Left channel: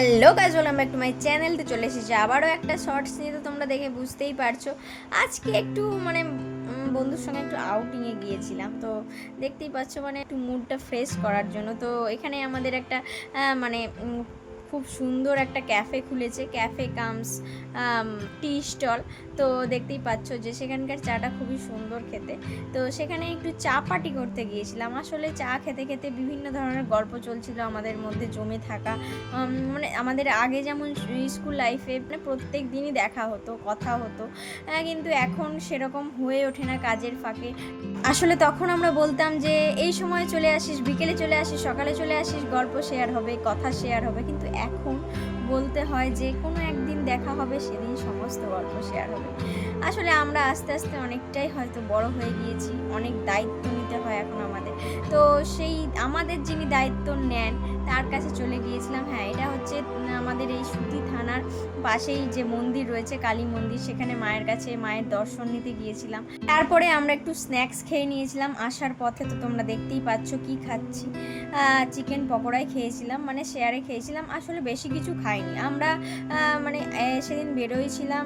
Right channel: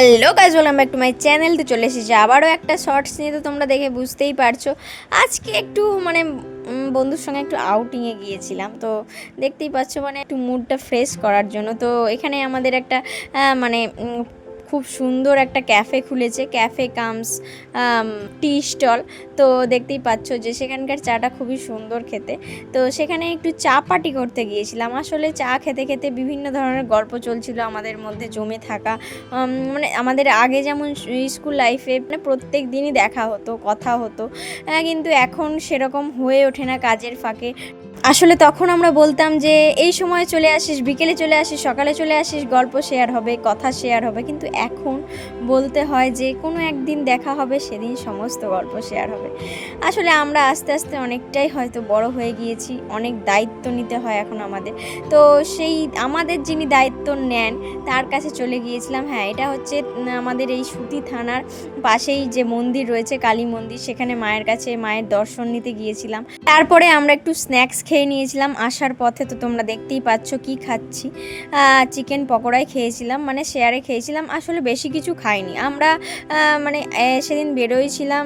Hello guys, welcome back to my channel. তো চলে এসেছি আবারও একটা শর্টস নিয়ে। তো তোমরা দেখে বুঝতেই পারছো আজকে একটু বন্ধুর সঙ্গে একটু আউটিংয়ে গিয়েছিলাম। তো দেখতেই পাচ্ছ একটু মুডটা ফ্রেশ করার জন্য। তো এখানে আমাদের একটা খুব সুন্দর একটা ক্যাফে খুলেছে, ক্যাফে কামস টি স্টল। তো দেখতেই পাচ্ছ যে সেখানকার চাটা খুবই সুন্দর খেতে। তো সেখানে একটু চা পার্টি করতে গিয়েছিলাম। আসলে চা খেতে খেতে বিভিন্ন ধরনের গল্প চলছিল আমাদের মধ্যে জমে থাকা। আমাদের আগে যেমন স্কুল লাইফে প্রত্যেক দিনই দেখা হতো, কথা হতো, কিন্তু এখন সেরকম হয়ে ওঠে না কাজের ফাঁকে। আসলে তখন আমরা বলতাম যে এই সময় চলে আসিস, বিকেলে চলে আসিস, সকালে চলে আসিস, গল্প শেয়ার হবে, কথা শেয়ার হবে। কিন্তু এখন বলতে হয় যে কোনো একদিন দেখা হবে, সেদিন সমস্ত গল্প শেয়ার হবে। আসলে আমরা আস্তে আস্তে অনেকটাই হয়তো বড় হয়ে গিয়েছি, অনেক দায়িত্ব নিতে হয় এখন আমাদের। তো সেই আমাদের যিনি দায়িত্ব নেন তার কাছে চলে গিয়েছিলাম। হ্যাঁ, এটা হচ্ছে আমাদের এই সুতি থানার পাশেই যে মন্দির রয়েছে, কালী মন্দির, সেখানে মায়ের কাছে মায়ের দর্শন নিতে গিয়েছিলাম। তারপরে আমরা একটু স্ন্যাক্স খেয়ে নিয়েছিলাম আসার পথে। তো তোমরা দেখতেই পাচ্ছ কি খাচ্ছি। চিকেন পকোড়াই খেয়েছিলাম, শেয়ারে খেয়েছিলাম। আসলে বেশি কিছু খাইনি আমরা। সেদিন বেরোয়ছিলাম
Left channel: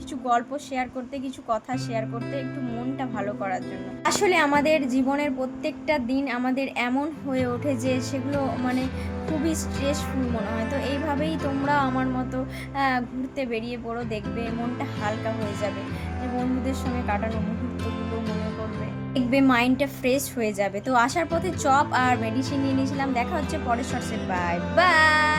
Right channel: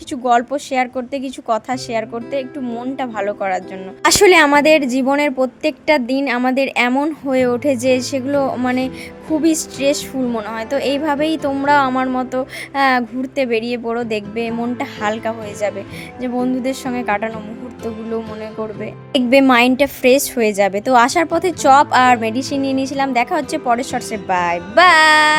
কিছু গল্প শেয়ার করতে, কিছু কথা শেয়ার করতে, একটু মনটা ভালো করার জন্য। আসলে আমাদের জীবনের প্রত্যেকটা দিন আমাদের এমন হয়ে ওঠে যে সেগুলো খুবই স্ট্রেসফুল মনে হয়। তো এইভাবেই তোমরা আমার মতো ঘুরতে বেরিয়ে পড়ো, দেখবে মনটা হালকা হয়ে যাবে। যে বন্ধুদের সঙ্গে কাটানো মুহূর্তগুলো মনে করবে, দেখবে মাইন্ডটা ফ্রেশ হয়ে যাবে। তো আসার পথে চপ আর মেডিসিন নিয়ে নিয়েছিলাম। দেখা হচ্ছে পরের শর্টসে। Bye bye.